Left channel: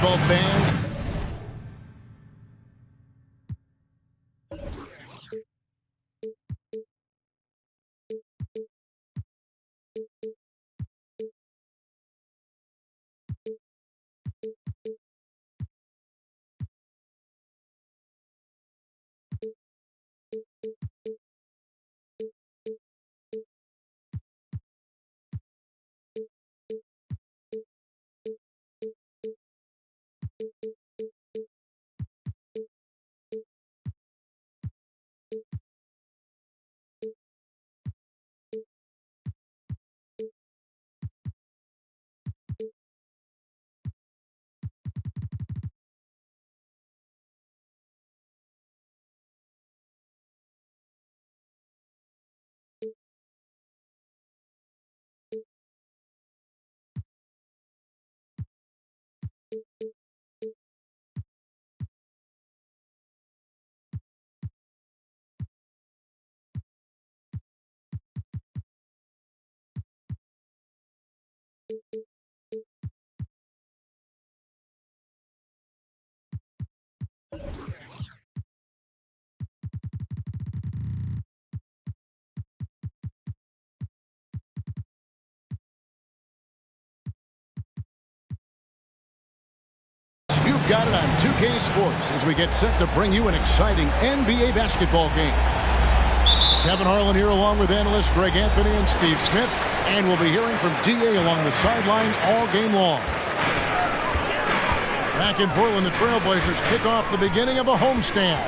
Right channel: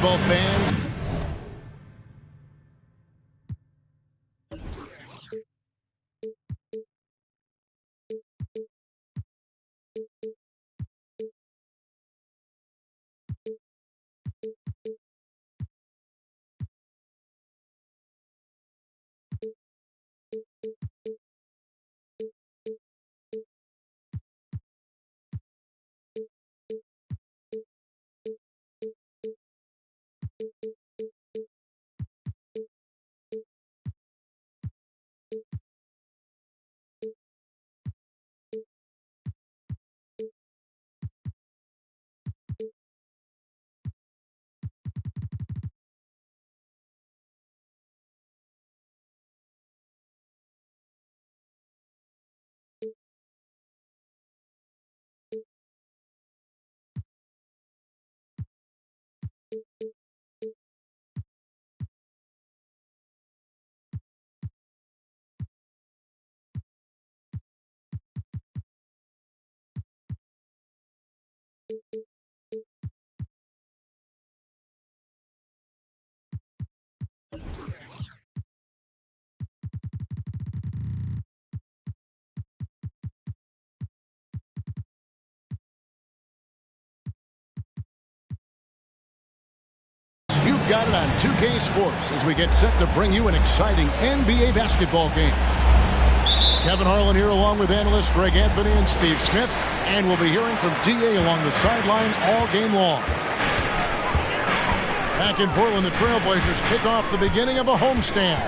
Both fans. You've got it on 2K Sports as we get set to bring you an exciting NBA basketball game. Kevin Harlan here along with analysts Greg Anthony and Steve Smith, and we'll be hearing from DA along the sideline all game long. Back in Portland, the Trailblazers kick off the beginning of a homestand.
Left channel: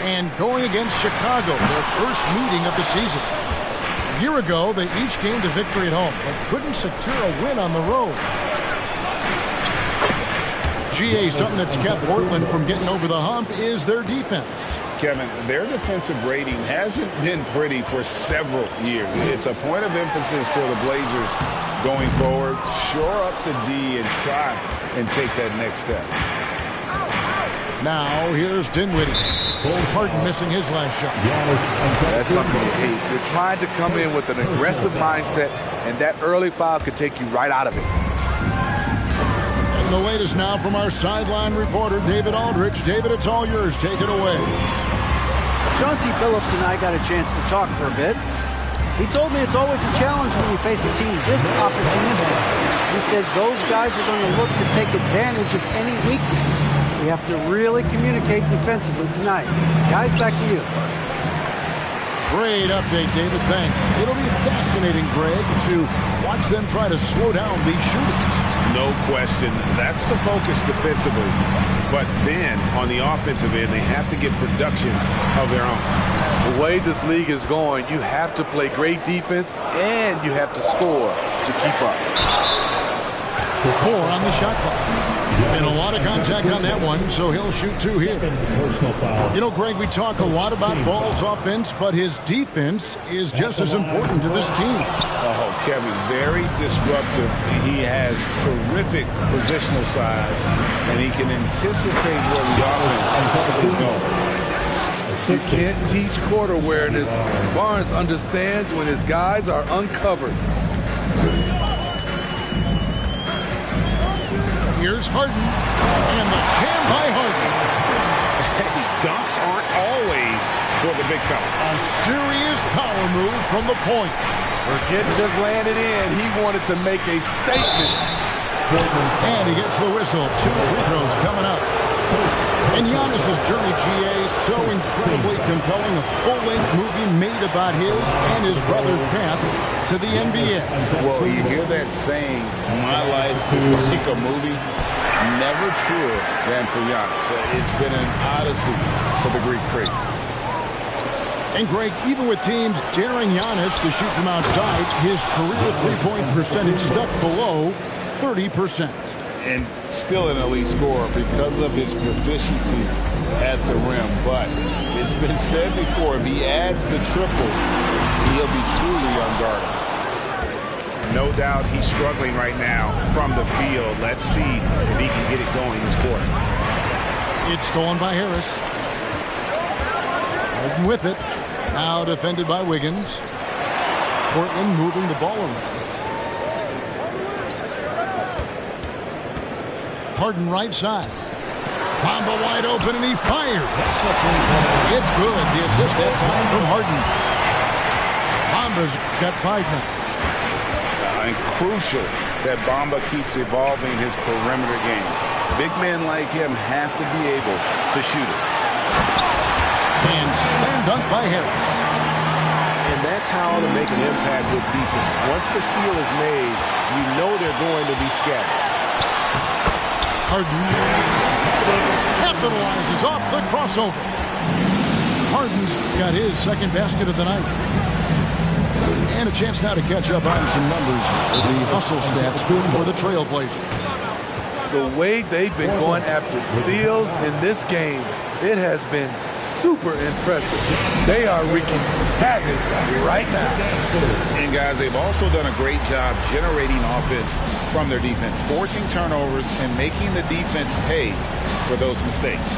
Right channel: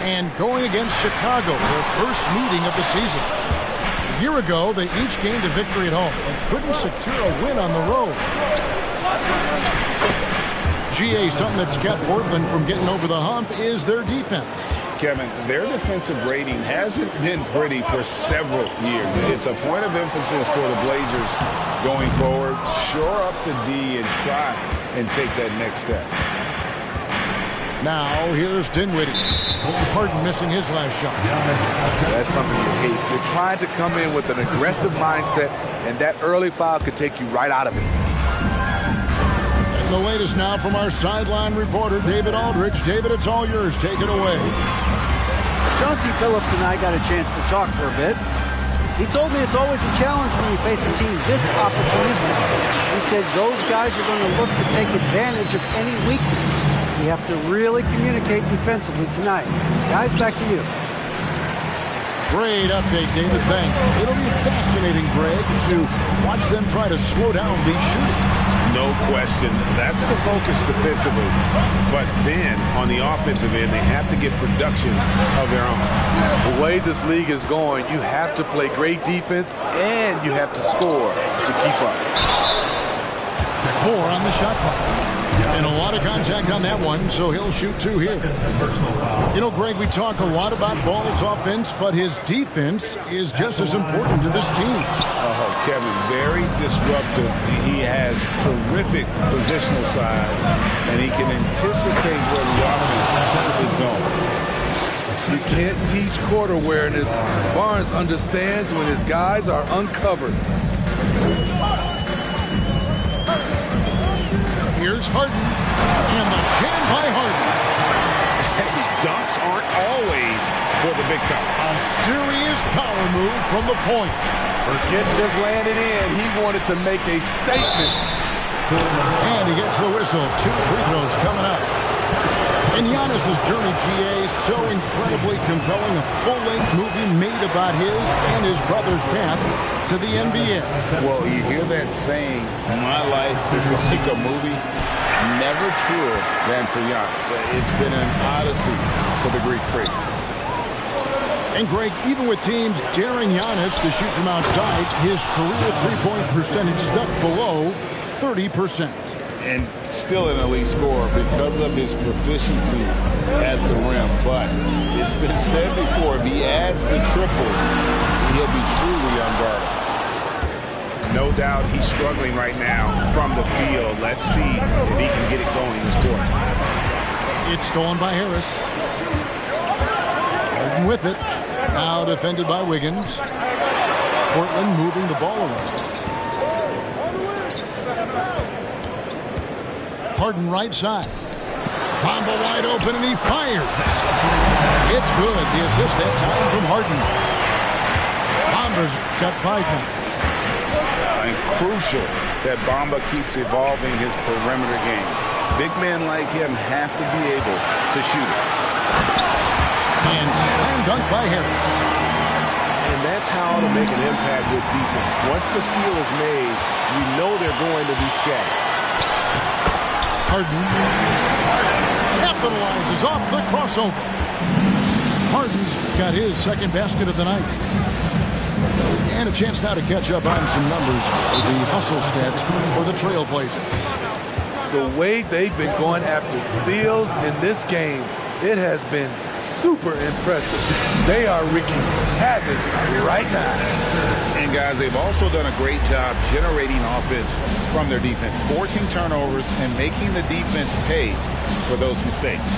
And going against Chicago, their first meeting of the season. A year ago, they each gained a victory at home, but couldn't secure a win on the road. GA, something that's kept Portland from getting over the hump is their defense. Kevin, their defensive rating hasn't been pretty for several years. It's a point of emphasis for the Blazers going forward. Shore up the D and try and take that next step. Now, here's Dinwiddie. Harden missing his last shot. That's something you hate. You're trying to come in with an aggressive mindset, and that early foul could take you right out of it. And the latest now from our sideline reporter, David Aldridge. David, it's all yours. Take it away. Chauncey Billups and I got a chance to talk for a bit. He told me it's always a challenge when you face a team this opportunistic. He said those guys are going to look to take advantage of any weakness. We have to really communicate defensively tonight. Guys, back to you. Great update, David. Thanks. It'll be fascinating, Greg, to watch them try to slow down these shooters. No question. That's the focus defensively. But then, on the offensive end, they have to get production of their own. The way this league is going, you have to play great defense and you have to score to keep up. 4 on the shot clock. And a lot of contact on that one, so he'll shoot 2 here. You know, Greg, we talk a lot about Ball's offense, but his defense is just as important to this team. Oh, Kevin, very disruptive. He has terrific positional size, and he can anticipate where the offense is going. You can't teach court awareness. Barnes understands when his guys are uncovered. Here's Harden, and the jam by Harden. Dunks aren't always for the big fella. A serious power move from the point. Forget just landed in. He wanted to make a statement. And he gets the whistle. 2 free throws coming up. And Giannis's journey, GA, so incredibly compelling. A full-length movie made about his and his brother's path to the NBA. Well, you hear that saying, my life is like a movie. Never truer than for Giannis. It's been an odyssey for the Greek freak. And, Greg, even with teams daring Giannis to shoot from outside, his career three-point percentage stuck below 30%. And still an elite scorer because of his proficiency at the rim. But it's been said before, if he adds the triple, he'll be truly unguardable. No doubt he's struggling right now from the field. Let's see if he can get it going this quarter. It's stolen by Harris. Harden with it. Now defended by Wiggins. Portland moving the ball around. Harden right side. Bamba wide open, and he fires. It's good. The assist that time from Harden. Bamba's got 5 now. And crucial that Bamba keeps evolving his perimeter game. Big men like him have to be able to shoot it. And slam dunk by Harris. And that's how to make an impact with defense. Once the steal is made, you know they're going to be scattered. Harden capitalizes off the crossover. Harden's got his second basket of the night. And a chance now to catch up on some numbers with the hustle stats for the Trailblazers. The way they've been going after steals in this game, it has been super impressive. They are wreaking havoc right now. And guys, they've also done a great job generating offense from their defense, forcing turnovers and making the defense pay for those mistakes.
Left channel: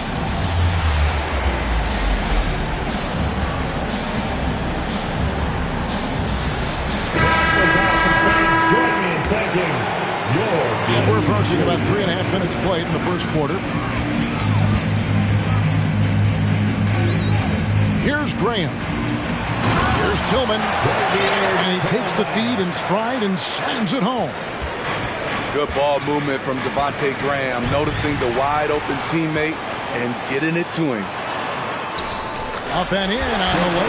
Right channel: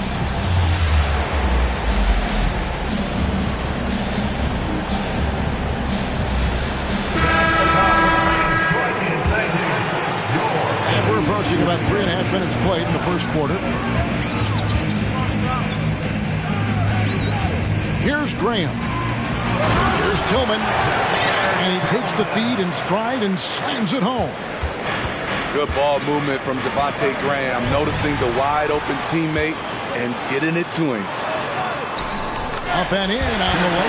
And we're approaching about 3.5 minutes played in the first quarter. Here's Graham. Here's Tillman. And he takes the feed in stride and slams it home. Good ball movement from Devontae Graham, noticing the wide open teammate and getting it to him. Up and in on the way.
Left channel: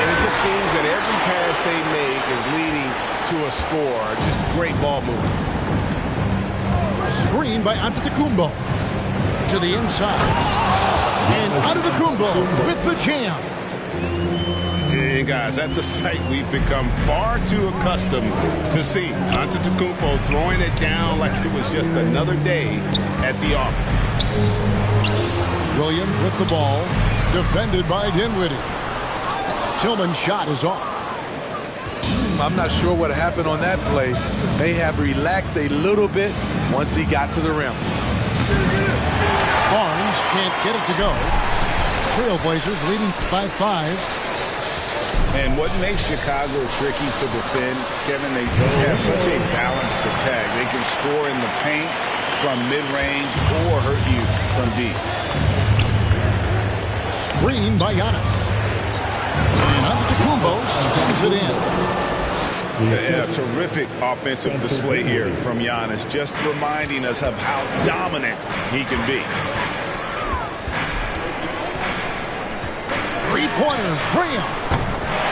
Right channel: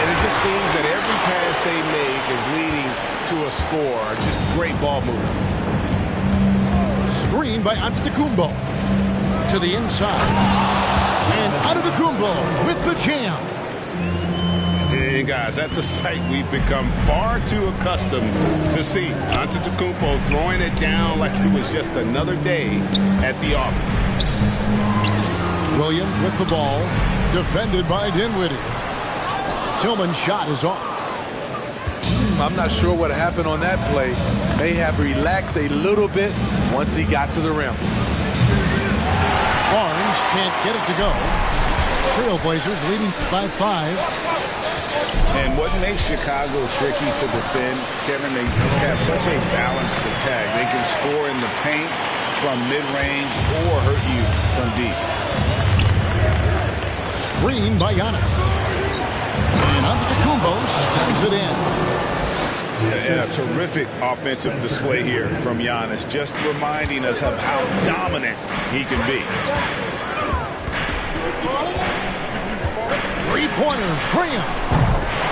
And it just seems that every pass they make is leading to a score. Just great ball movement. Screen by Antetokounmpo. To the inside. And Antetokounmpo with the jam. And guys, that's a sight we've become far too accustomed to see. Antetokounmpo throwing it down like it was just another day at the office. Williams with the ball. Defended by Dinwiddie. Tillman's shot is off. I'm not sure what happened on that play. May have relaxed a little bit once he got to the rim. Barnes can't get it to go. Trailblazers leading by 5. And what makes Chicago tricky to defend, Kevin, they just have such a balanced attack. They can score in the paint from mid-range or hurt you from deep. Screen by Giannis. And Antetokounmpo slams it in. And a terrific offensive display here from Giannis, just reminding us of how dominant he can be. Three-pointer, Graham.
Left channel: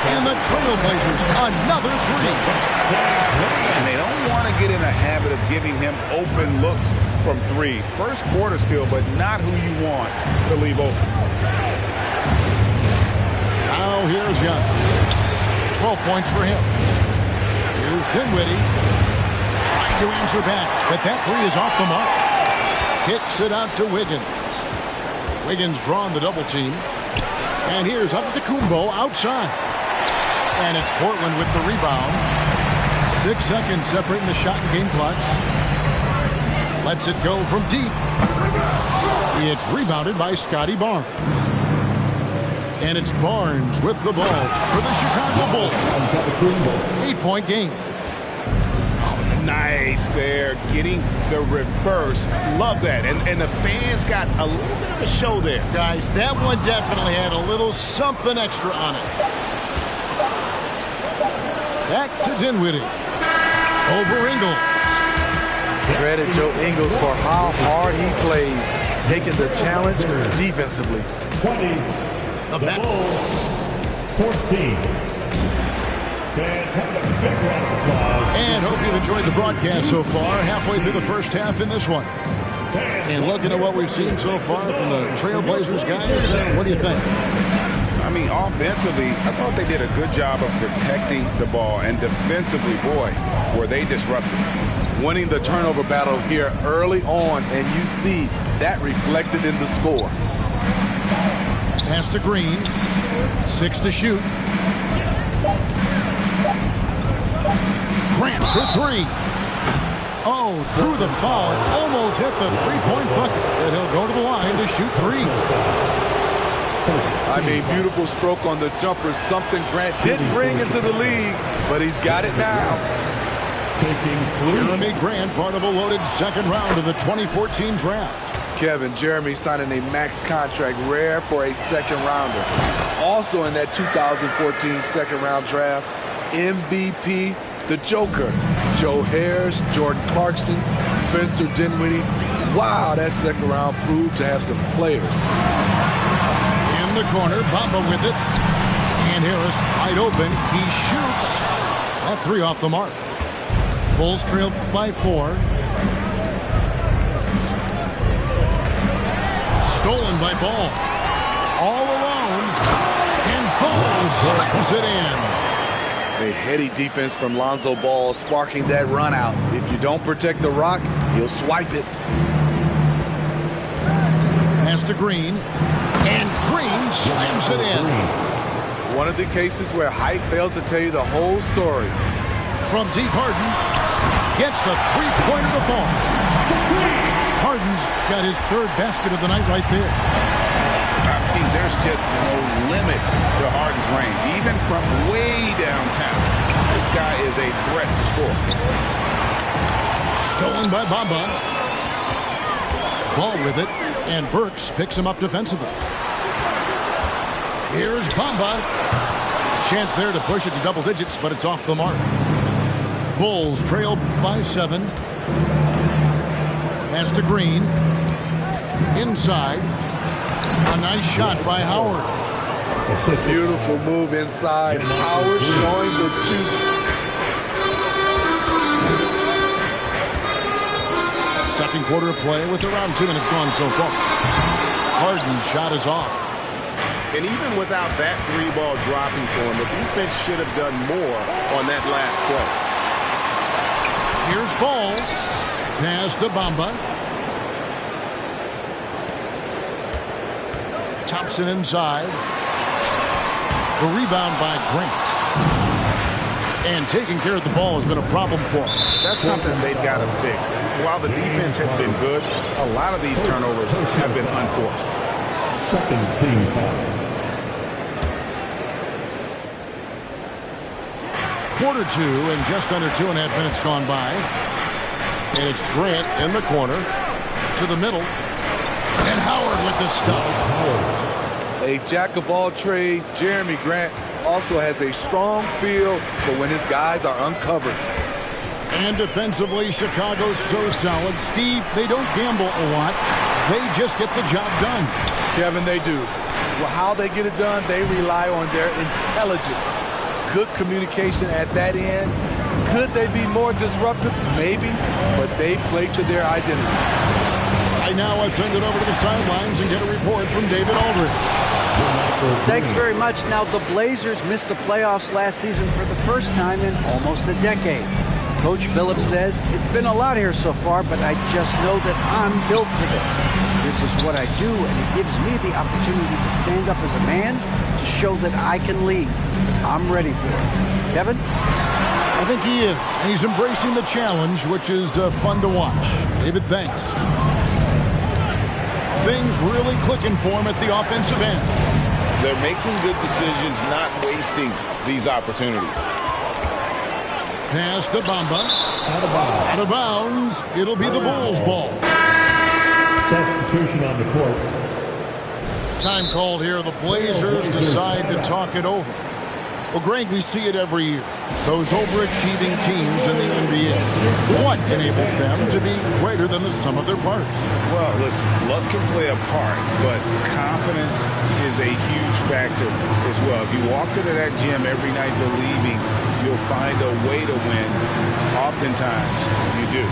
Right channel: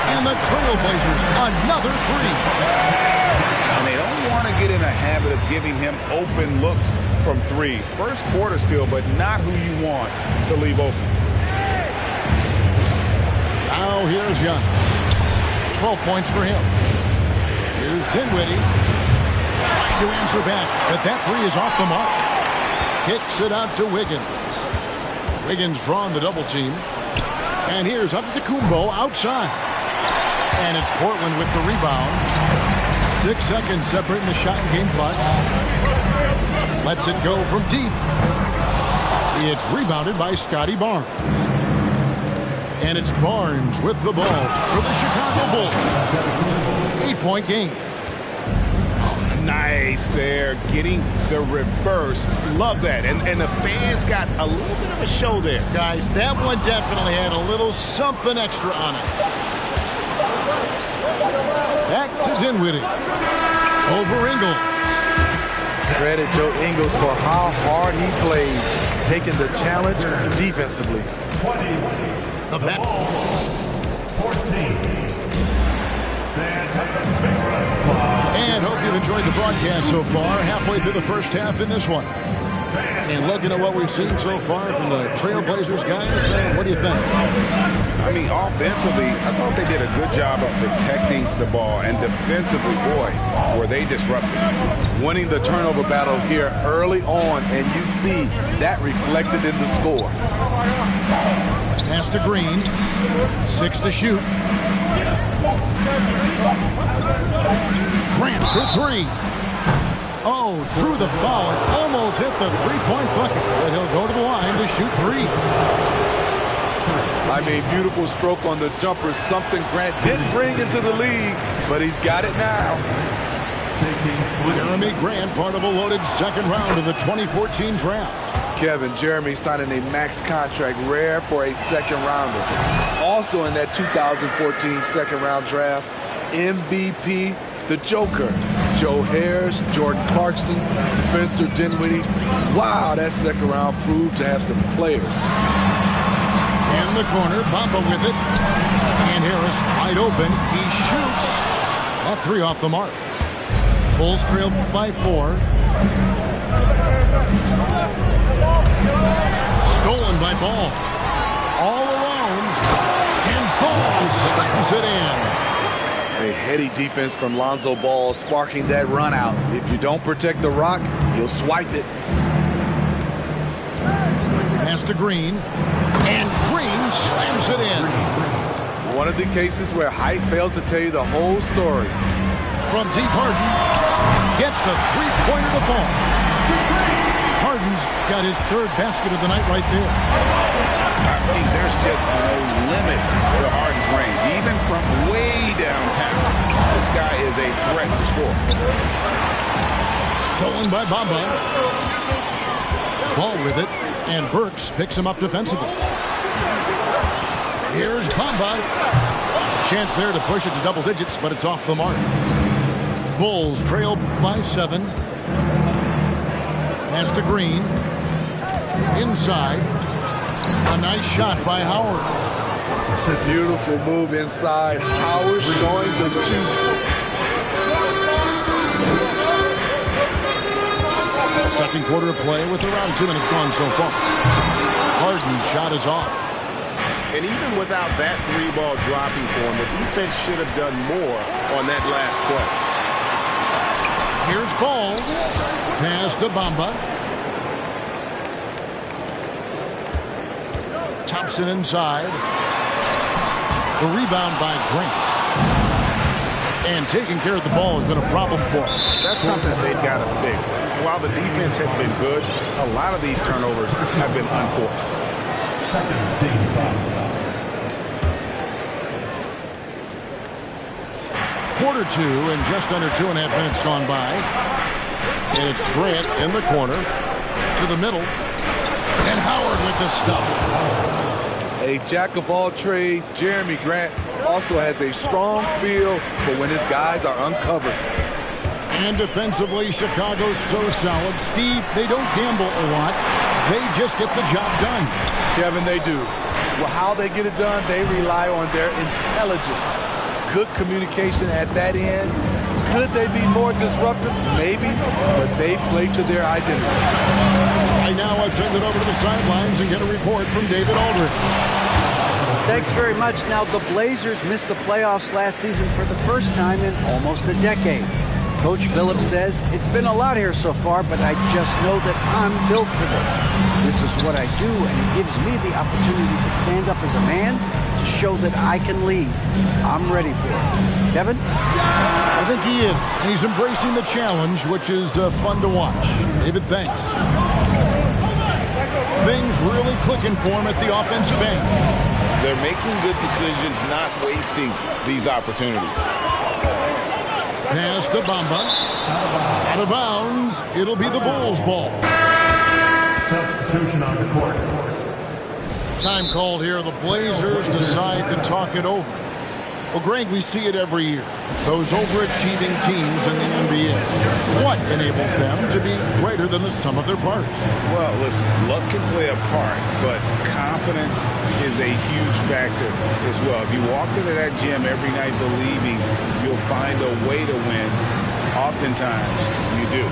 And the Trailblazers, another 3. And they don't want to get in a habit of giving him open looks from 3. First quarter still, but not who you want to leave open. Now here's Giannis. 12 points for him. Here's Dinwiddie. Trying to answer back, but that 3 is off the mark. Kicks it out to Wiggins. Wiggins drawing the double team. And here's Antetokounmpo outside. And it's Portland with the rebound. 6 seconds separating the shot and game clocks. Lets it go from deep. It's rebounded by Scotty Barnes. And it's Barnes with the ball for the Chicago Bulls. 8-point game. Oh, nice there, getting the reverse. Love that. And the fans got a little bit of a show there. Guys, that one definitely had a little something extra on it. Back to Dinwiddie. Over Ingles. Credit Joe Ingles for how hard he plays, taking the challenge defensively. The bet. 14. And hope you've enjoyed the broadcast so far. Halfway through the first half in this one. And looking at what we've seen so far from the Trailblazers guys, what do you think? I mean, offensively, I thought they did a good job of protecting the ball. And defensively, boy, were they disruptive. Winning the turnover battle here early on, and you see that reflected in the score. Pass to Green. 6 to shoot. Grant for 3. Oh, drew the foul. It almost hit the three-point bucket. But he'll go to the line to shoot 3. I mean, beautiful stroke on the jumper. Something Grant didn't bring into the league, but he's got it now. taking 3. Jeremy Grant, part of a loaded second round of the 2014 draft. Kevin, Jeremy signing a max contract, rare for a second rounder. Also in that 2014 second round draft, MVP, the Joker, Joe Harris, Jordan Clarkson, Spencer Dinwiddie. Wow, that second round proved to have some players. In the corner, Bamba with it. And Harris wide open. He shoots. That 3 off the mark. Bulls trail by 4. Stolen by Ball. All alone. And Ball slams it in. A heady defense from Lonzo Ball sparking that run out. If you don't protect the rock, he'll swipe it. Pass to Green. And Green slams it in. One of the cases where height fails to tell you the whole story. From deep, Harden gets the three-pointer to fall. Harden's got his 3rd basket of the night right there. I mean, there's just no limit to Harden's range, even from way downtown. This guy is a threat to score. Stolen by Bamba. Ball with it, and Burks picks him up defensively. Here's Bamba. A chance there to push it to double digits, but it's off the mark. Bulls trail by 7. Pass to Green. Inside. A nice shot by Howard. Beautiful move inside. Howard showing the juice. Second quarter of play with around 2 minutes gone so far. Harden's shot is off. And even without that 3-ball dropping for him, the defense should have done more on that last play. Here's Ball. Pass to Bamba. Thompson inside. The rebound by Grant. And taking care of the ball has been a problem for him. That's something they've got to fix. While the defense has been good, a lot of these turnovers have been unforced. Second team foul. Quarter 2 and just under 2.5 minutes gone by. And it's Grant in the corner to the middle. And Howard with the stuff. A jack of all trades, Jeremy Grant also has a strong feel for when his guys are uncovered. And defensively, Chicago's so solid. Steve, they don't gamble a lot. They just get the job done. Kevin, they do. Well, how they get it done, they rely on their intelligence. Good communication at that end. Could they be more disruptive? Maybe, but they play to their identity. I now I've sent it over to the sidelines and get a report from David Aldridge. Thanks very much. Now, the Blazers missed the playoffs last season for the first time in almost a decade. Coach Billups says, it's been a lot here so far, but I just know that I'm built for this. This is what I do, and it gives me the opportunity to stand up as a man to show that I can lead. I'm ready for it. Kevin? I think he is, and he's embracing the challenge, which is fun to watch. David, thanks. Things really clicking for him at the offensive end. They're making good decisions, not wasting these opportunities. Pass to Bamba. Out of bounds. It'll be the Bulls' ball. Substitution on the court. Time called here. The Blazers decide to talk it over. Well, Greg, we see it every year. Those overachieving teams in the NBA. What enables them to be greater than the sum of their parts? Well, listen, luck can play a part, but confidence is a huge factor as well. If you walk into that gym every night believing you'll find a way to win, oftentimes you do.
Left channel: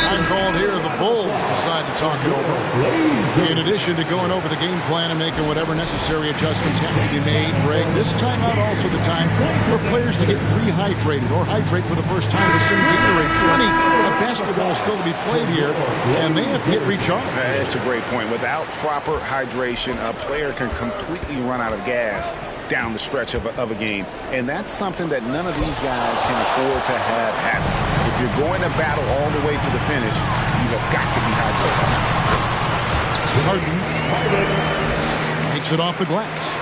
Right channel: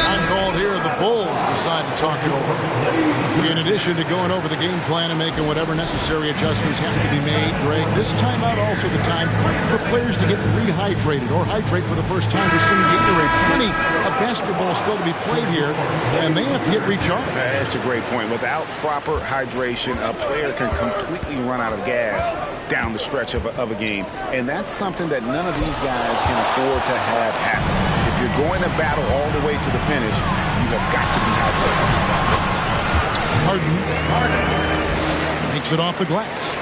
Time called here. The Bulls decide to talk it over. In addition to going over the game plan and making whatever necessary adjustments have to be made, Greg, this timeout also the time for players to get rehydrated or hydrate for the first time with some Gatorade. Plenty of basketball still to be played here, and they have to get recharged. That's a great point. Without proper hydration, a player can completely run out of gas down the stretch of a game. And that's something that none of these guys can afford to have happen. If you're going to battle all the way to the finish, you have got to be hydrated. Harden takes it off the glass.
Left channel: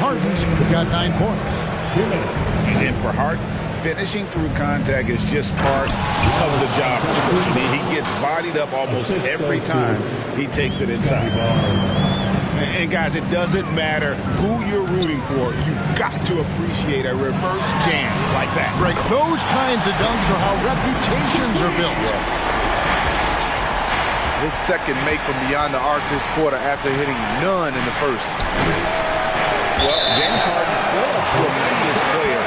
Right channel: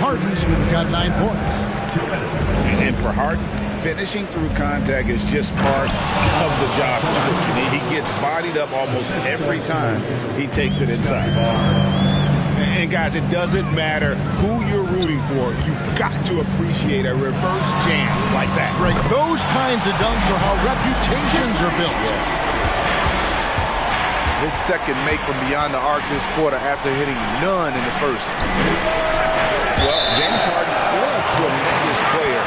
Harden's got 9 points. 2 minutes. And for Harden, finishing through contact is just part of the job description. He gets bodied up almost every time he takes it inside. And guys, it doesn't matter who you're rooting for. You've got to appreciate a reverse jam like that. Greg, those kinds of dunks are how reputations are built. Yes. His second make from beyond the arc this quarter after hitting none in the first. Well, James Harden's still a tremendous player,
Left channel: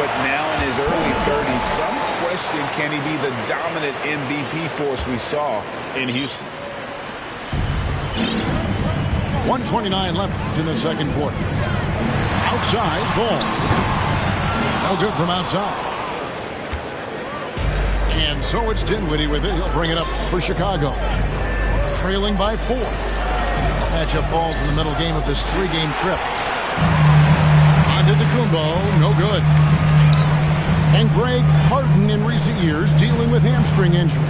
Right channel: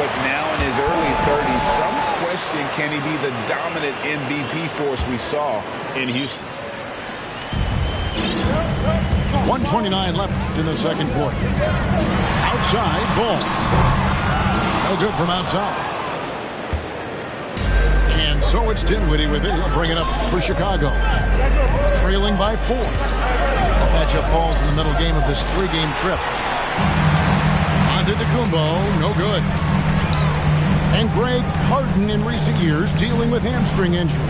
but now in his early 30s, some question, can he be the dominant MVP force we saw in Houston? 1:29 left in the second quarter. Outside, ball. No good from outside. And so it's Dinwiddie with it. He'll bring it up for Chicago. Trailing by 4. That matchup falls in the middle game of this 3-game trip. Antetokounmpo, no good. And Greg, Harden in recent years dealing with hamstring injuries.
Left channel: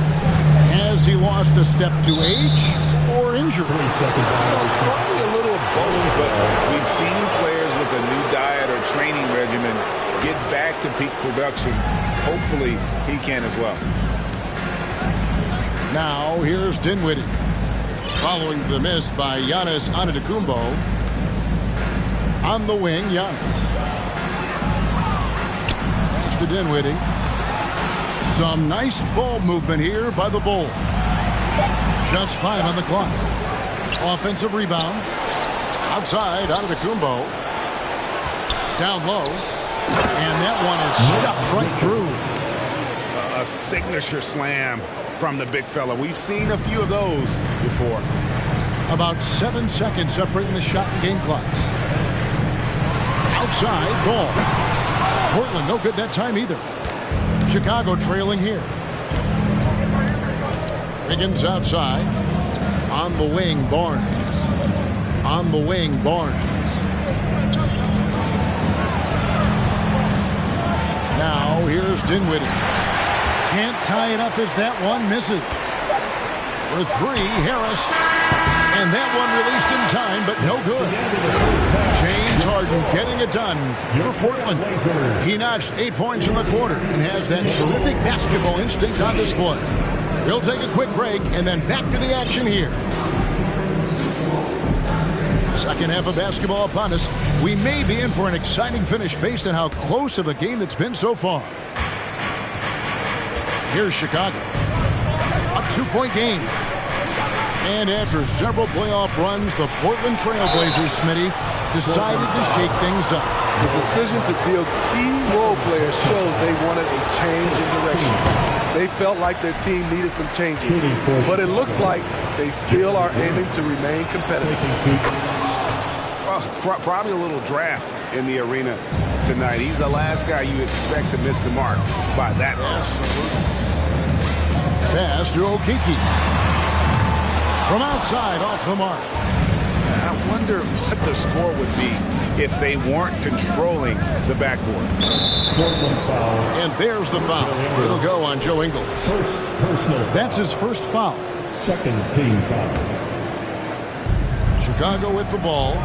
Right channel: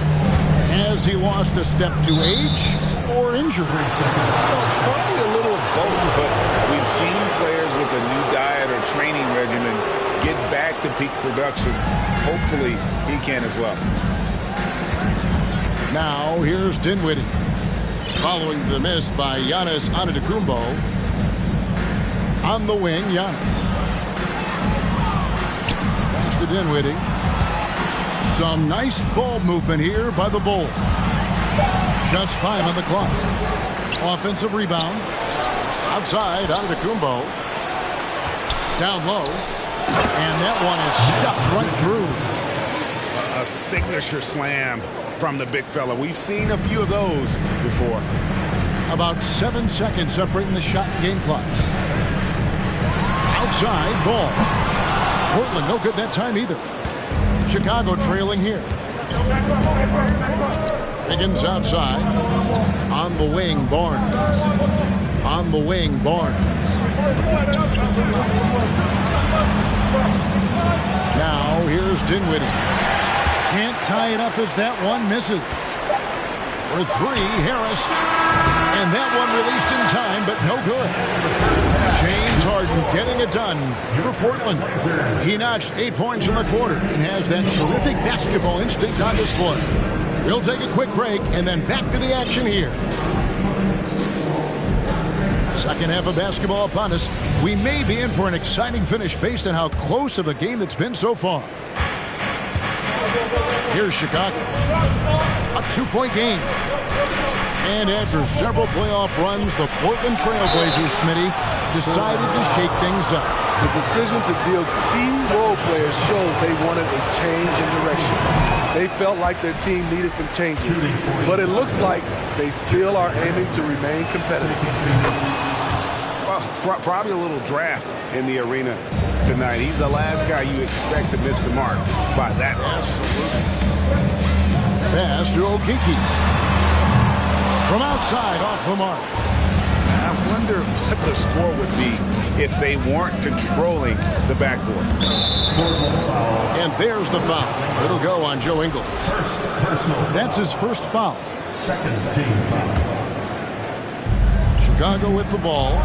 Has he lost a step to age or injury? Well, probably a little of both, but we've seen players with a new diet or training regimen get back to peak production. Hopefully, he can as well. Now, here's Dinwiddie. Following the miss by Giannis Antetokounmpo. On the wing, Giannis. Pass to Dinwiddie. Some nice ball movement here by the Bulls. Just 5 on the clock. Offensive rebound. Outside, Antetokounmpo. Down low. And that one is stuffed right through. A signature slam from the big fella. We've seen a few of those before. About 7 seconds separating the shot and game clocks. Outside, ball. Portland, no good that time either. Chicago trailing here. Higgins outside. On the wing, Barnes. On the wing, Barnes. Now, here's Dinwiddie. Can't tie it up as that one misses. For 3, Harris. And that one released in time, but no good. James Harden getting it done for Portland. He notched 8 points in the quarter and has that terrific basketball instinct on display. We'll take a quick break and then back to the action here. Second half of basketball upon us. We may be in for an exciting finish based on how close of a game that's been so far. Here's Chicago. A 2-point game. And after several playoff runs, the Portland Trailblazers, Smitty, decided to shake things up. The decision to deal key role players shows they wanted a change in direction. They felt like their team needed some changes, but it looks like they still are aiming to remain competitive. Well, probably a little draft in the arena tonight. He's the last guy you expect to miss the mark by that much. Absolutely. Pass to Okeke. From outside, off the mark. I wonder what the score would be if they weren't controlling the backboard. And there's the foul. It'll go on Joe Ingles. That's his first foul. Second team foul. Chicago with the ball.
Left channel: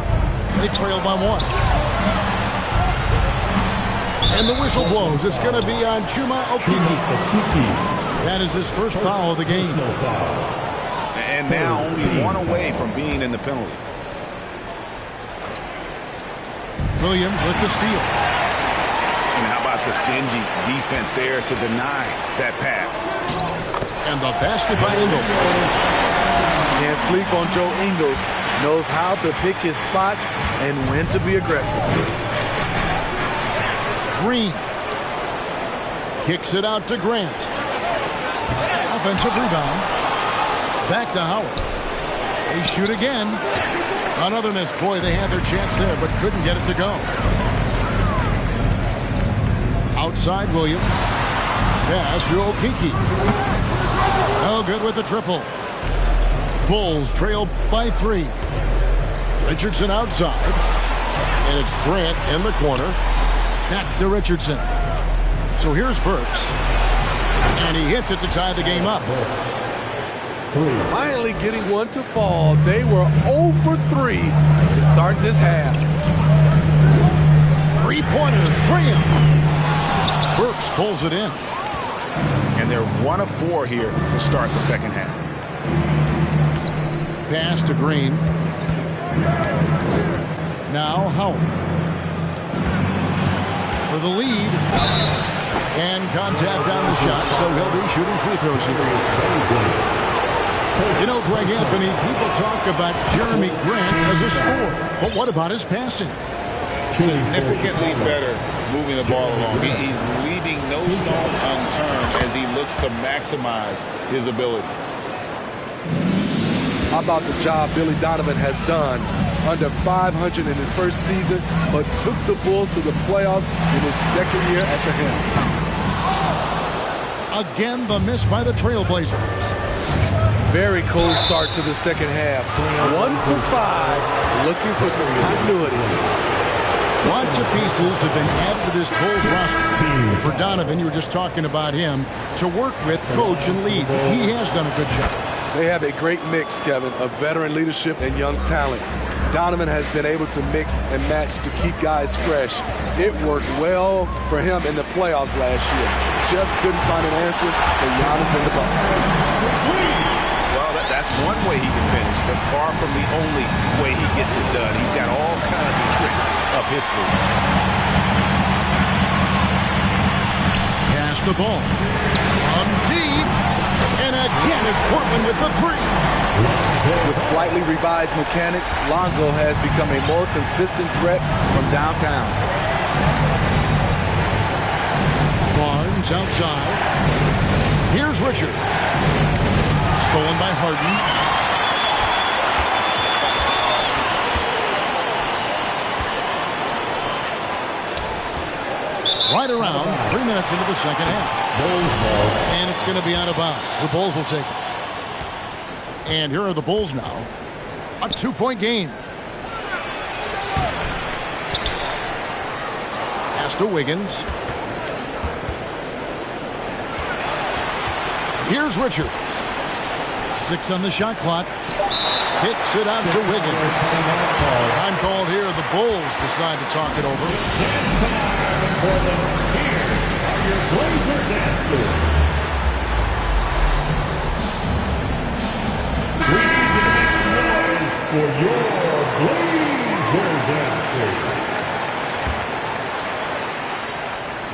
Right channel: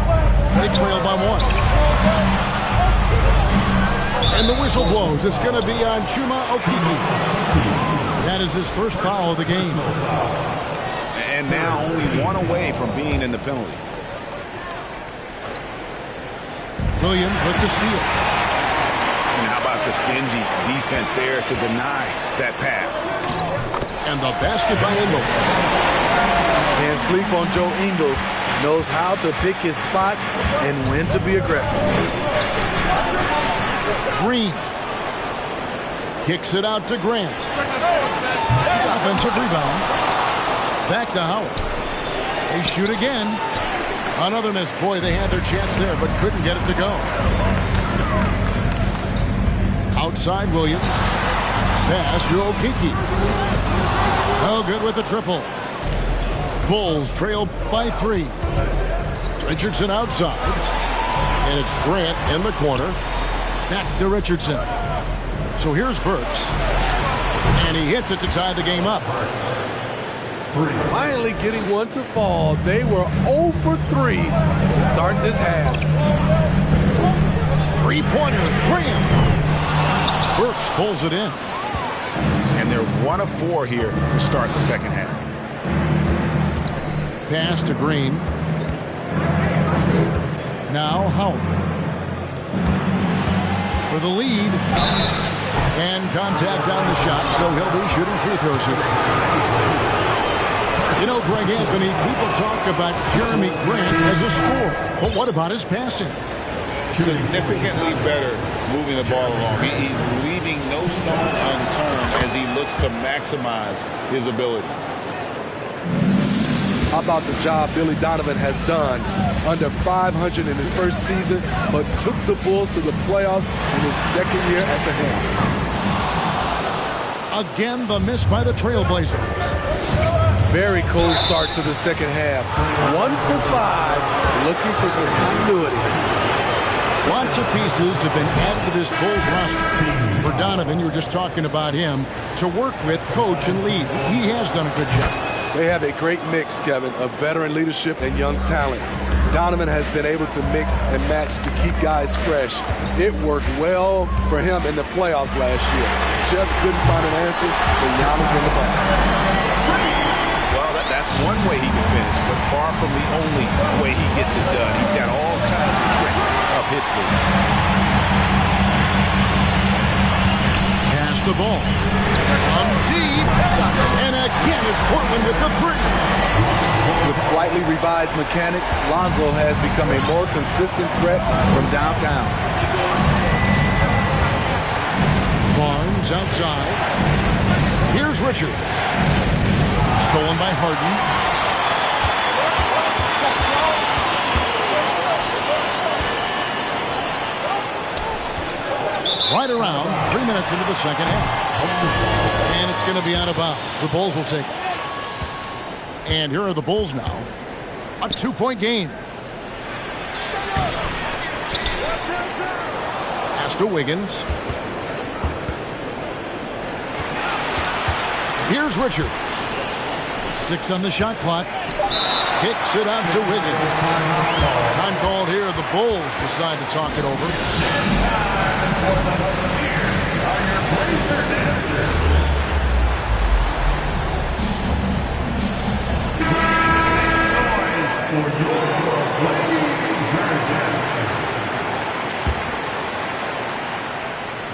They trail by 1. And the whistle blows. It's going to be on Chuma Okeke. That is his first foul of the game. And now only 1 away from being in the penalty. Williams with the steal. And how about the stingy defense there to deny that pass? And the basket by Ingles. Can't sleep on Joe Ingles. Knows how to pick his spots and when to be aggressive. Green. Kicks it out to Grant. Offensive rebound. Back to Howard. They shoot again. Another miss. Boy, they had their chance there, but couldn't get it to go. Outside Williams. Pass to Okeke. No good with the triple. Bulls trail by 3. Richardson outside. And it's Grant in the corner. Back to Richardson. So here's Burks. And he hits it to tie the game up. Finally getting one to fall. They were 0 for 3 to start this half. Three-pointer, Graham. Burks pulls it in. And they're 1 of 4 here to start the second half. Pass to Green. Now Howard. For the lead. And contact on the shot, so he'll be shooting free throws here. You know, Greg Anthony, people talk about Jeremy Grant as a scorer. But what about his passing? Significantly better moving the ball along. He's leaving no stone unturned as he looks to maximize his abilities. How about the job Billy Donovan has done? Under 500 in his first season, but took the Bulls to the playoffs in his second year at the helm. Again, the miss by the Trailblazers. Very cold start to the second half. 1 for 5, looking for some continuity. Lots of pieces have been added to this Bulls roster. For Donovan, you were just talking about him, to work with, coach, and lead. He has done a good job. They have a great mix, Kevin, of veteran leadership and young talent. Donovan has been able to mix and match to keep guys fresh. It worked well for him in the playoffs last year. Just couldn't find an answer for Giannis and the Bucks. Well, that's one way he can finish, but far from the only way he gets it done. He's got all kinds of tricks up his sleeve. Pass the ball. From deep. And again, it's Portland with the three. With slightly revised mechanics, Lonzo has become a more consistent threat from downtown. Barnes outside. Here's Richards. Stolen by Harden. Right around 3 minutes into the second half. And it's going to be out of bounds. The Bulls will take it. And here are the Bulls now. A 2-point game. Pass to Wiggins. Here's Richards. 6 on the shot clock. Kicks it out to Wiggins. Time called here. The Bulls decide to talk it over. Here are your Blazers answers. For your Blazers answers.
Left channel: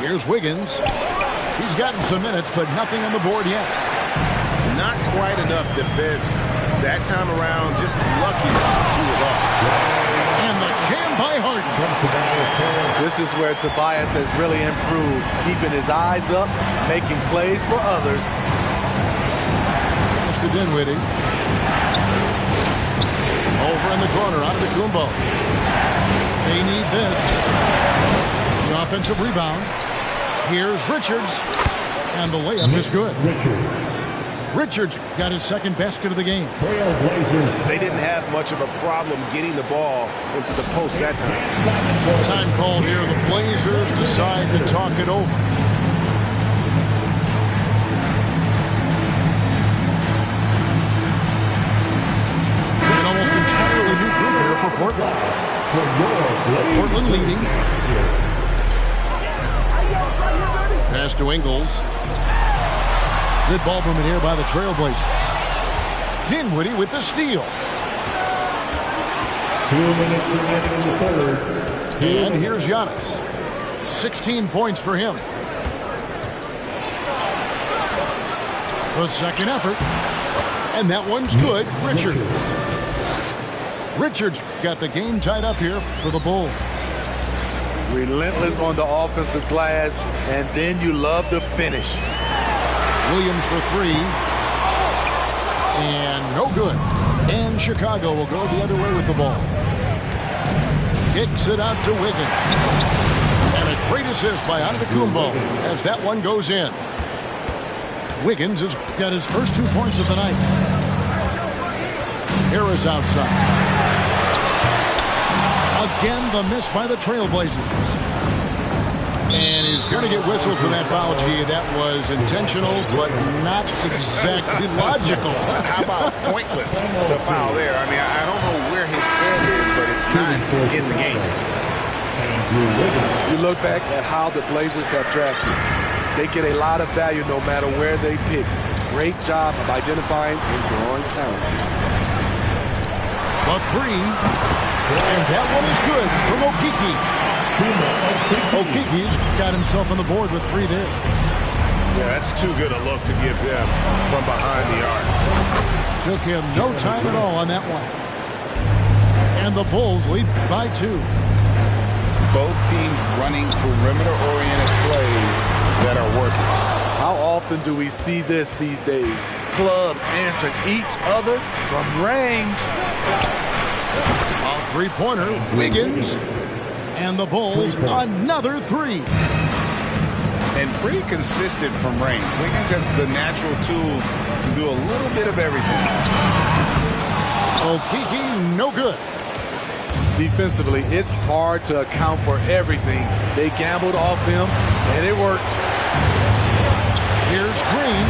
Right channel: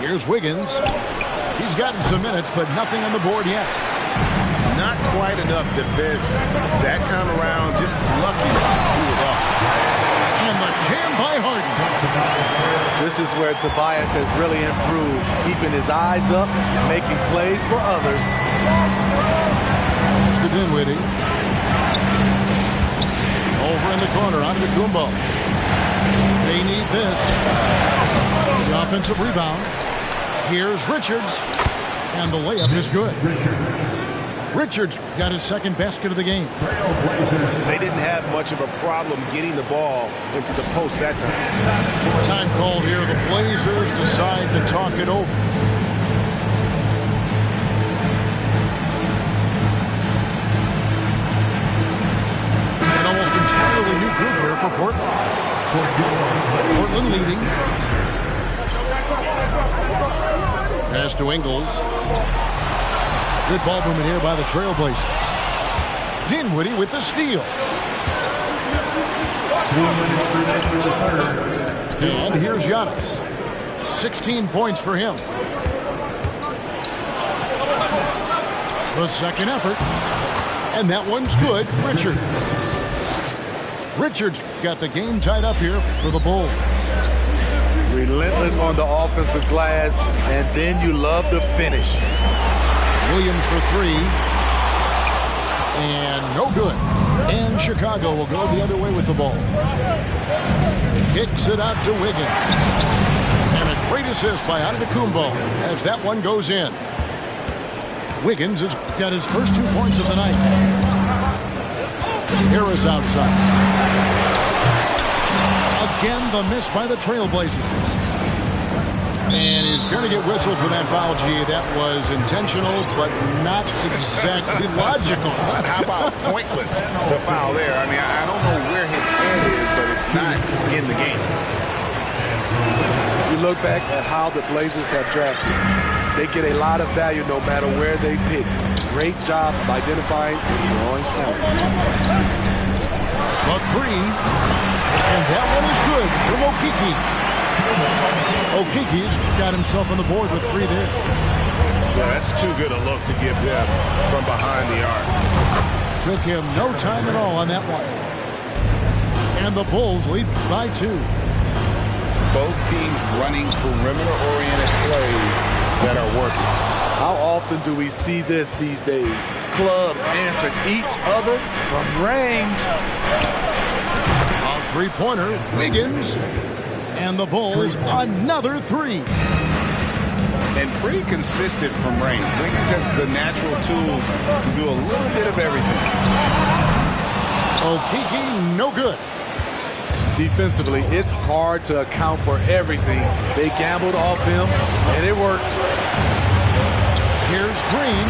Here's Wiggins. He's gotten some minutes, but nothing on the board yet. Not quite enough defense that time around. Just lucky he was off. And the jam by Harden. This is where Tobias has really improved, keeping his eyes up, making plays for others. Pass to Dinwiddie. Over in the corner, Antetokounmpo. They need this. The offensive rebound. Here's Richards. And the layup is good. Richards got his second basket of the game. They didn't have much of a problem getting the ball into the post that time. Time called here. The Blazers decide to talk it over. An almost entirely new group here for Portland. Portland leading. Pass to Ingles. Good ball movement here by the Trailblazers. Dinwiddie with the steal. 2 minutes remaining in the third. And here's Giannis. 16 points for him. The second effort. And that one's good. Richards got the game tied up here for the Bulls. Relentless on the offensive glass, and then you love the finish. Williams for 3. And no good. And Chicago will go the other way with the ball. Kicks it out to Wiggins. And a great assist by Antetokounmpo as that one goes in. Wiggins has got his first 2 points of the night. Harris outside. Again, the miss by the Trailblazers. And he's going to get whistled for that foul, G. That was intentional, but not exactly logical. How about pointless to foul there? I mean, I don't know where his head is, but it's not in the game. You look back at how the Blazers have drafted. They get a lot of value no matter where they pick. Great job of identifying and growing talent. The three, and that one is good from Okeke. Okeke's got himself on the board with 3 there. Yeah, that's too good a look to give him from behind the arc. Took him no time at all on that one. And the Bulls lead by 2. Both teams running perimeter-oriented plays that are working. How often do we see this these days? Clubs answering each other from range. A three-pointer, Wiggins. And the Bulls, another 3. And pretty consistent from range. Wiggins has the natural tools to do a little bit of everything. Okeke, no good. Defensively, it's hard to account for everything. They gambled off him, and it worked. Here's Green.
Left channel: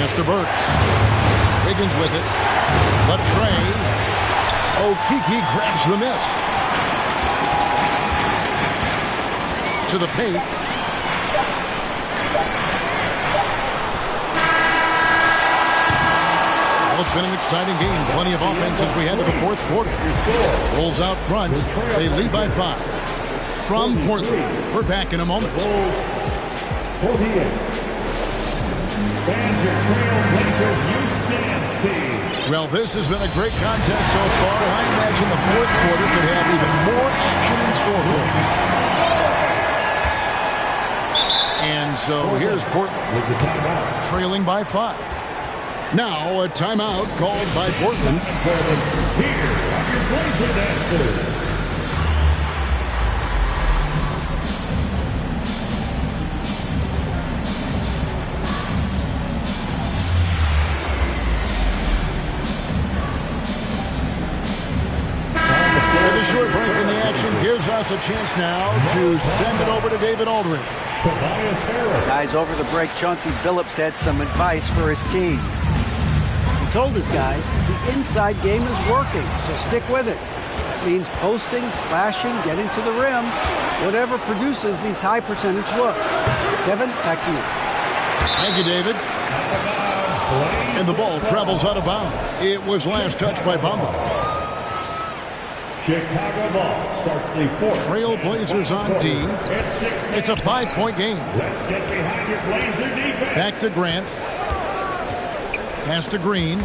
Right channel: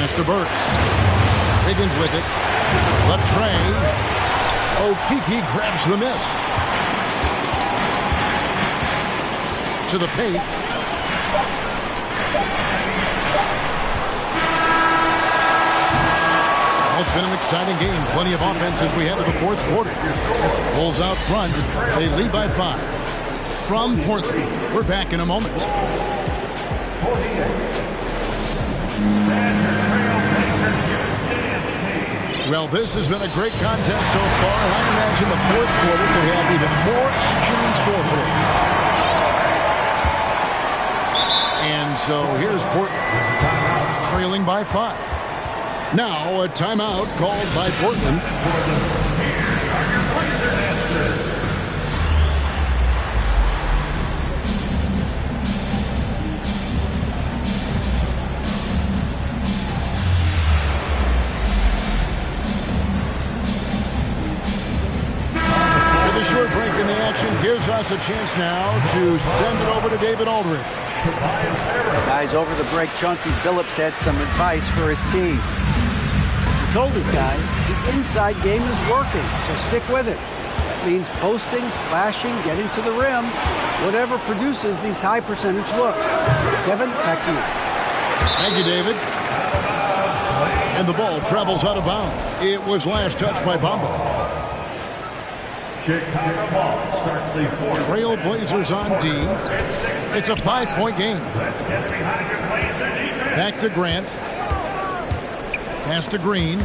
Mr. Burks. Wiggins with it. Latrey. Okeke grabs the miss. To the paint. Well, it's been an exciting game. Plenty of offense as we head to the 4th quarter. Bulls out front. They lead by 5. From Portland, we're back in a moment. Well, this has been a great contest so far, and I imagine the 4th quarter could have even more action in store for us. And so here's Portland, trailing by 5. Now a timeout called by Portland. Here are your Blazer dancers. The short break in the action gives us a chance now to send it over to David Aldridge. Guys, over the break, Chauncey Billups had some advice for his team. He told his guys the inside game is working, so stick with it. That means posting, slashing, getting to the rim, whatever produces these high percentage looks. Kevin, back to you. Thank you, David. And the ball travels out of bounds. It was last touched by Bamba. Chicago ball starts the 4th. Trailblazers on D. It's a 5-point game. Let's get behind your Blazer defense. Back to Grant. Pass to Green.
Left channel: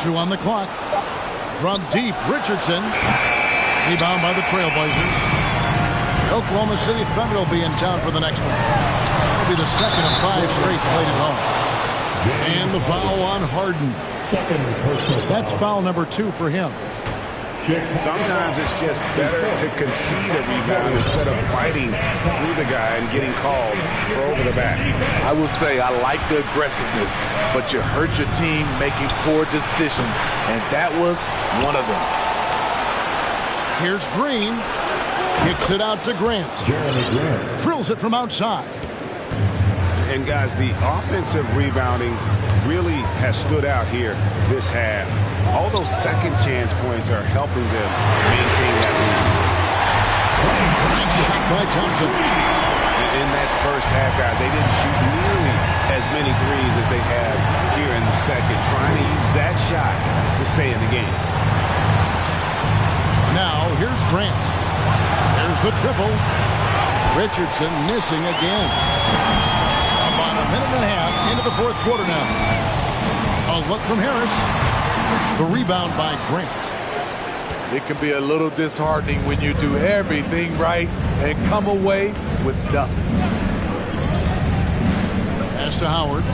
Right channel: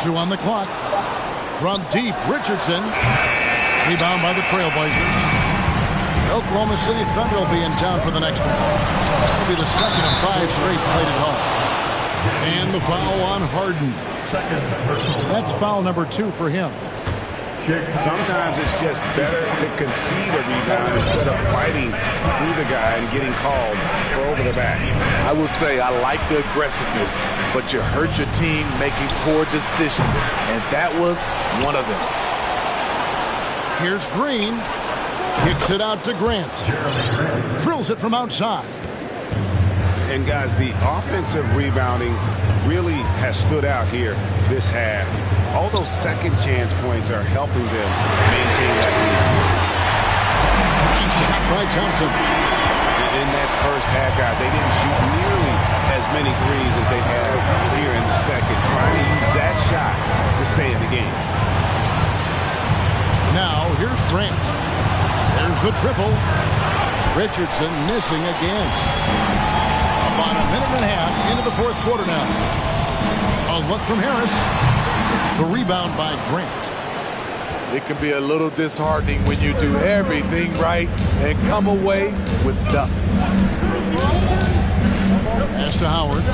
2 on the clock. From deep, Richardson. Rebound by the Trailblazers. Oklahoma City Thunder will be in town for the next one. That'll be the second of 5 straight played at home. And the foul on Harden. Second personal. That's foul number 2 for him. Sometimes it's just better to concede a rebound instead of fighting through the guy and getting called for over the back. I will say I like the aggressiveness, but you hurt your team making poor decisions, and that was one of them. Here's Green. Kicks it out to Grant. Drills it from outside. And guys, the offensive rebounding really has stood out here this half. All those second chance points are helping them maintain that lead. Nice shot by Thompson. In that first half, guys, they didn't shoot nearly as many threes as they have here in the second, trying to use that shot to stay in the game. Now, here's Grant. There's the triple. Richardson missing again. About a minute and a half into the 4th quarter now. A look from Harris. The rebound by Grant. It can be a little disheartening when you do everything right and come away with nothing. Pass to Howard.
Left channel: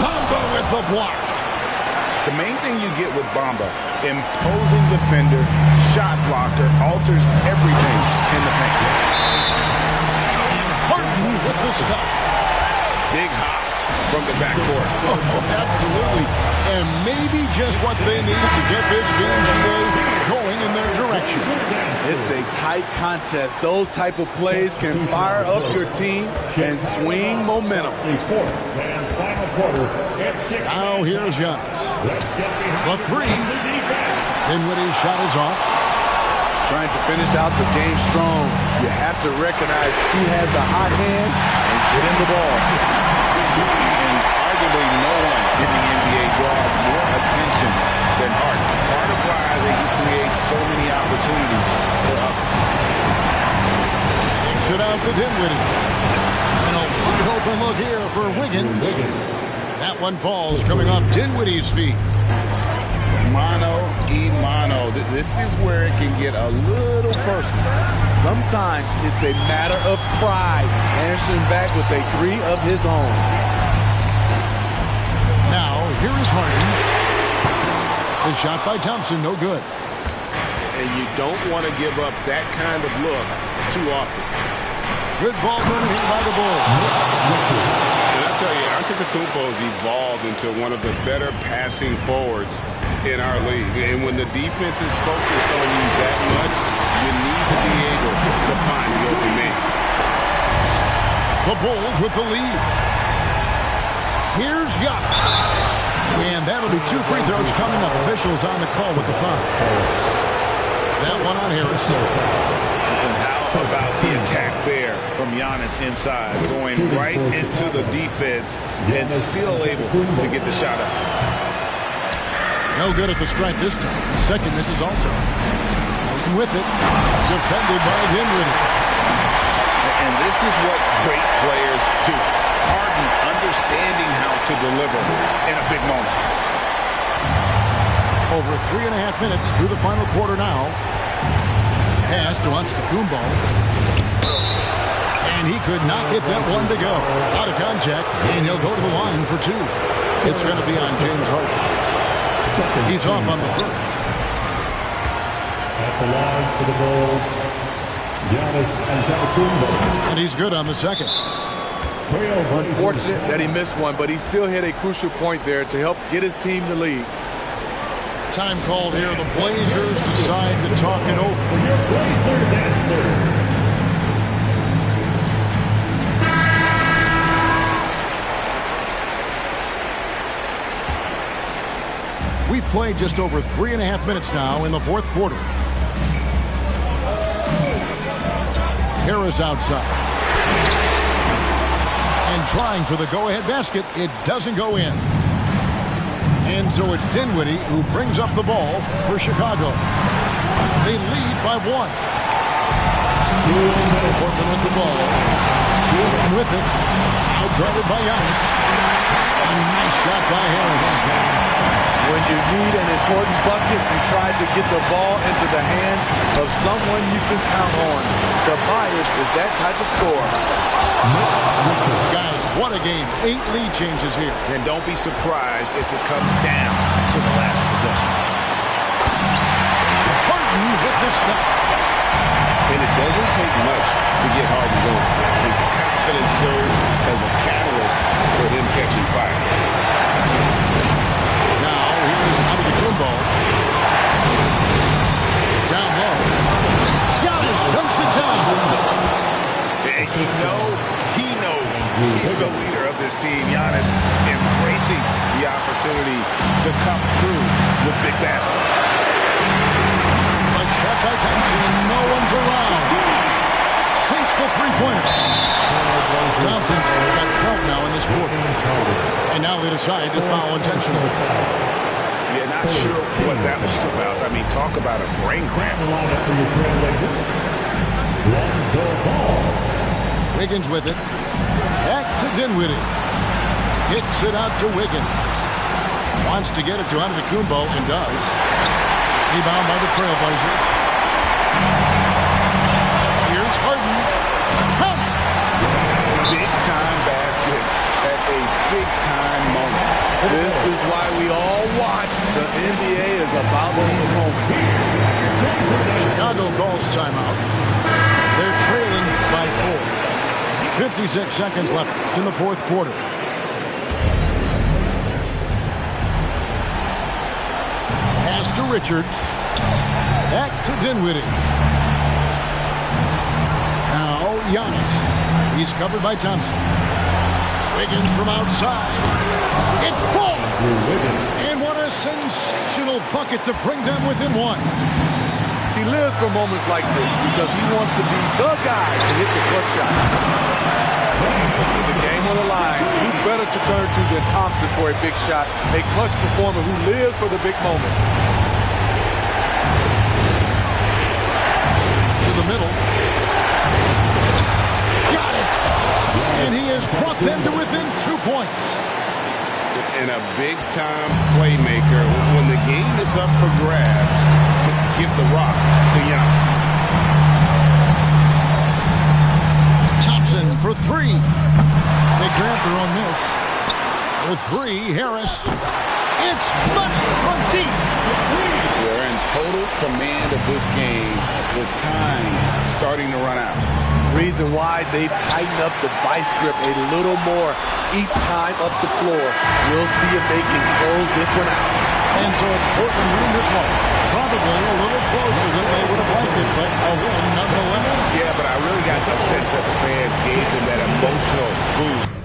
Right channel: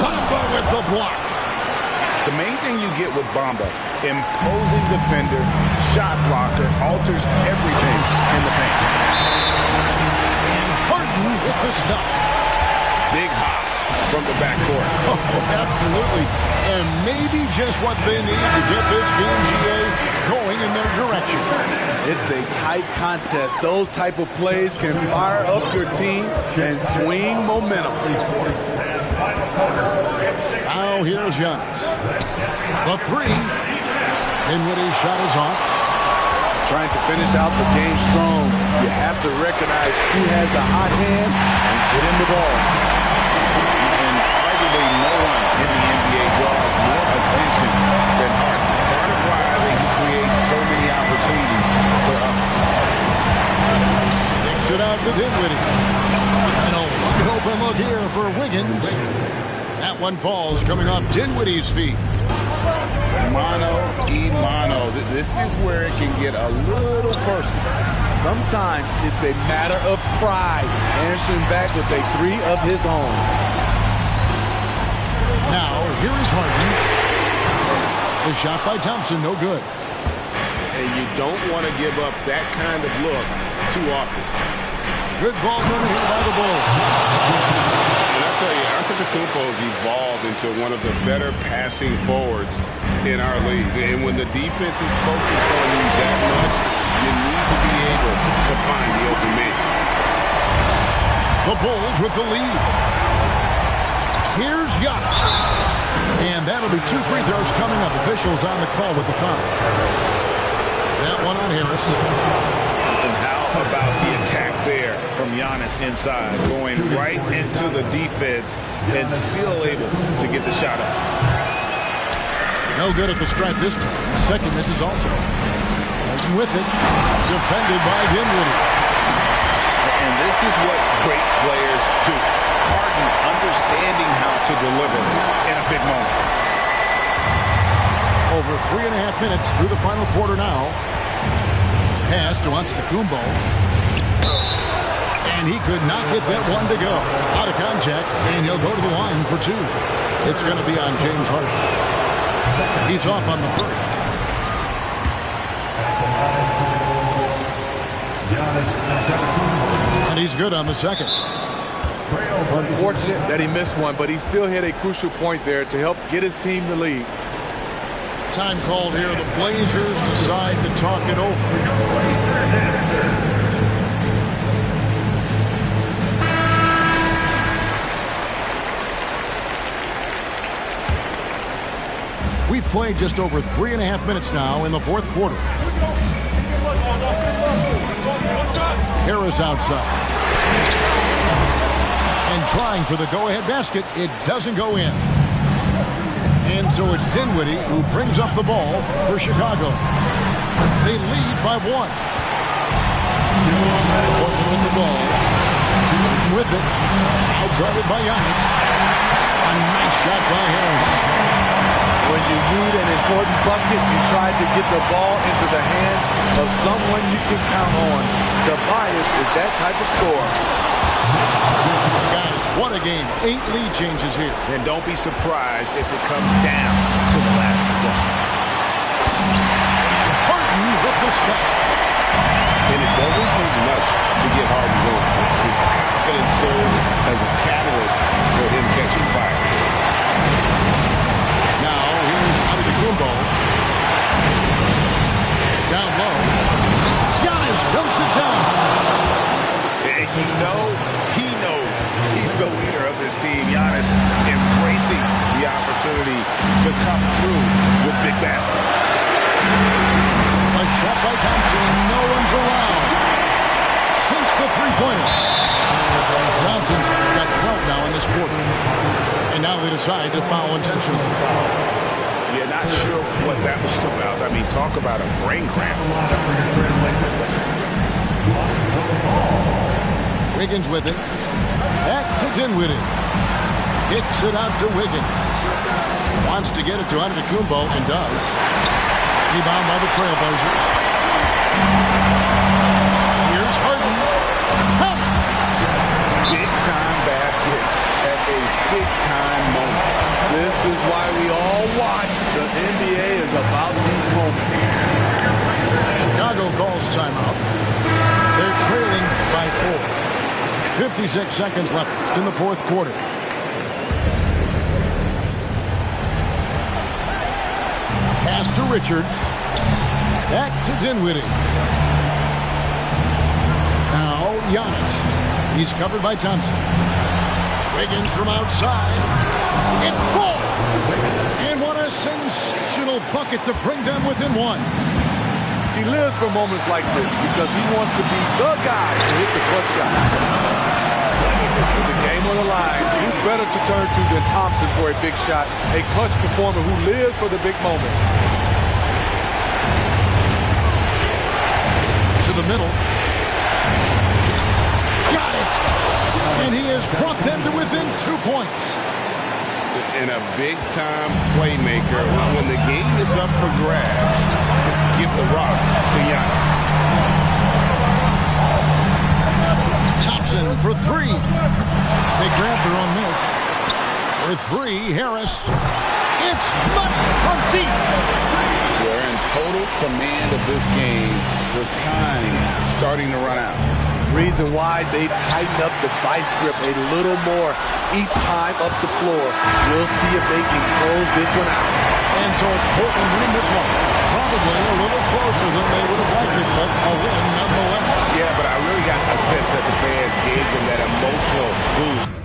Bamba with the block. The main thing you get with Bamba, imposing defender, shot blocker, alters everything in the paint. And Harden with the stuff. Big hops from the backcourt. Oh, absolutely. And maybe just what they need to get this game, GA, going in their direction. It's a tight contest. Those type of plays can fire up your team and swing momentum. Now here's Giannis. The three. Dinwiddie's shot is off. Trying to finish out the game strong. You have to recognize who has the hot hand and get him the ball. And arguably no one in the NBA draws more attention than Harden. Part of why he creates so many opportunities for others. Takes it out to Dinwiddie. And a wide open look here for Wiggins. That one falls coming off Dinwiddie's feet. Mano y mano. This is where it can get a little personal. Sometimes it's a matter of pride, answering back with a three of his own. Now, here is Harden. The shot by Thompson, no good. And you don't want to give up that kind of look too often. Good ball movement here by the Bulls. And I tell you, Antetokounmpo's evolved into one of the better passing forwards in our league. And when the defense is focused on you that much, you need to be able to find the open man. The Bulls with the lead. Here's Giannis. And that'll be 2 free throws coming up. Officials on the call with the foul. That one on Harris. And how about the attack there from Giannis inside, going right into the defense and still able to get the shot up. No good at the stripe this time. Second misses also. Harden with it. Defended by Dinwiddie. And this is what great players do. Harden understanding how to deliver in a big moment. Over 3.5 minutes through the final quarter now. Pass to Antetokounmpo. And he could not get that one to go. Out of contact, and he'll go to the line for 2. It's going to be on James Harden. He's off on the first. At the line for the Bulls, Giannis Antetokounmpo. And he's good on the second. Unfortunate that he missed one, but he still hit a crucial point there to help get his team the lead. Time called here. The Blazers decide to talk it over. We've played just over 3.5 minutes now in the fourth quarter. Harris outside. And trying for the go-ahead basket. It doesn't go in. And so it's Dinwiddie who brings up the ball for Chicago. They lead by 1. Portland with the ball. Portland with it. Outguarded by Giannis. A nice shot by Harris. When you need an important bucket, you try to get the ball into the hands of someone you can count on. Tobias is that type of scorer. Guys, what a game. 8 lead changes here. And don't be surprised if it comes down to the last possession. And Harden with the stuff. And it doesn't take much to get Harden going. His confidence serves as a catalyst for him catching fire. Now, here's Antetokounmpo. Down low. Giannis dunks it down. And you know, he knows he's the leader of this team. Giannis embracing the opportunity to come through with big baskets. A shot by Thompson, and no one's around. Sinks the three-pointer. Thompson's got 12 now in this quarter. And now they decide to foul intentionally. Yeah, not sure what that was about. I mean, talk about a brain cramp. Wiggins with it. Back to Dinwiddie. Kicks it out to Wiggins. Wants to get it to Antetokounmpo and does. Rebound by the Trailblazers. Here's Harden. Count it. Big-time basket at a big-time moment. This is why we all watch. The NBA is about these moments. Chicago calls timeout. They're trailing by 4. 56 seconds left in the fourth quarter. Pass to Richards. Back to Dinwiddie. Now Giannis. He's covered by Thompson. Wiggins from outside. It falls. And what a sensational bucket to bring them within one. He lives for moments like this because he wants to be the guy to hit the clutch shot. With the game on the line, who better to turn to than Thompson for a big shot, a clutch performer who lives for the big moment. To the middle. Got it! And he has brought them to within 2 points. And a big-time playmaker. When the game is up for grabs, give the rock to Giannis. Thompson for three. They grab their own miss. For three, Harris. It's money from deep. They're in total command of this game with time starting to run out. Reason why they've tightened up the vice grip a little more each time up the floor. We'll see if they can close this one out. And so it's Portland winning this one. Probably a little closer than they would have liked it, but a win nonetheless. Yeah, but I really got a sense that the fans gave them that emotional boost.